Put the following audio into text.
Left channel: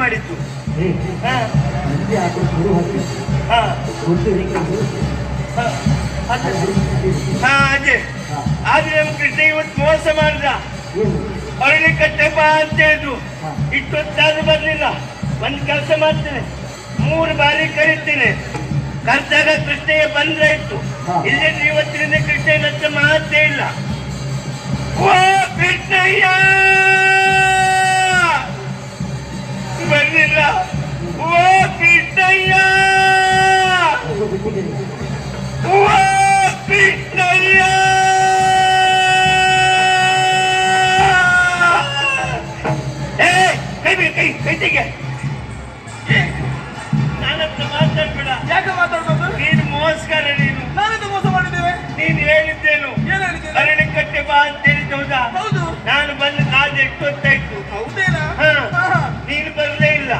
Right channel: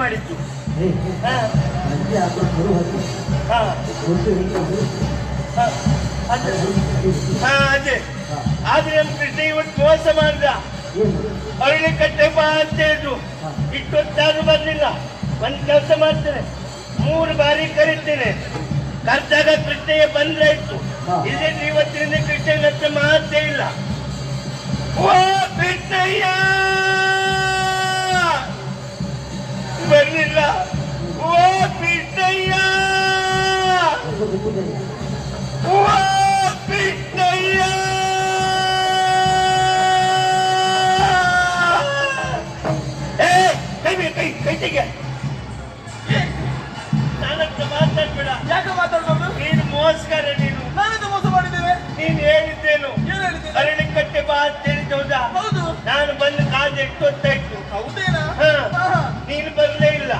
ಮಾಡಿದ್ದು. ಅದೇ ಆದ್ರೆ ನಮ್ಮ ಕೃಷ್ಣ ಇವತ್ತು ಮೋಸ ಮಾಡ್ದ. ಅರಳಿ ಕಟ್ಟೆ ಬಾ ಅಂತ ಹೇಳಿದ್ರು, ಇಷ್ಟೊತ್ತಾದ್ರೂ ಬರ್ಲಿಲ್ಲ. ಒಂದ್ ಕೆಲಸ ಮಾಡ್ತೇನೆ, 3 ಬಾರಿ ಕರೀತೇನೆ, ಕರ್ದಾಗ ಕೃಷ್ಣಯ್ಯ ಬಂದ್ರಾಯ್ತು. ಇಲ್ಲೇ ಇವತ್ತಿನಿಂದ ಕೃಷ್ಣಯ್ಯನ ಹತ್ರ ಮಾತೇ ಇಲ್ಲ. ಓ ಕೃಷ್ಣಯ್ಯ ಬರ್ಲಿಲ್ಲ. ಓ ಕೃಷ್ಣಯ್ಯ, ಓ ಕೃಷ್ಣಯ್ಯ, ಕೈ ತೆಗೆ. ನಾನಂತ ಮಾತಾಡ್ಬೇಡ. ಯಾಕೆ ಮಾತಾಡ್ಬಾರ್ದು? ನೀನು ಮೋಸ್ಕರ. ನೀನು ನಾವೆಂತ ಮೋಸ ಮಾಡಿದ್ದೇವೆ? ನೀನು ಹೇಳಿದ್ದೇನು? ಏನ್ ಹೇಳಿದ್ದೇನೆ? ಅರಳಿ ಕಟ್ಟೆ ಬಾ ಅಂತ ಹೇಳಿದ್ದು ಹೌದಾ? ಹೌದು. ನಾನು ಬಂದು ಕಾದು ಎಷ್ಟೊತ್ತಾಯ್ತು. ಹೌದೇನಾ? ನೀನು ಬರಲೇ ಇಲ್ಲ.